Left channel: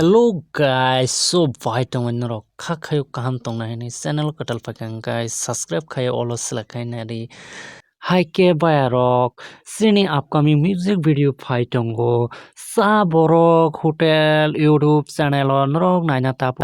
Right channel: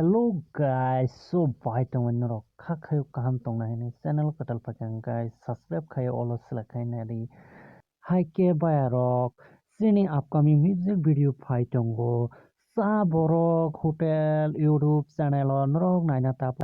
Hello guys, so vital when rock kakayo kaham tong na ni channel katal pakang guys subscribe kayo olo selakai nari Hai ke bayarok sini upcoming music video fight tongo sa borok hotel YouTube channel on rok naina tap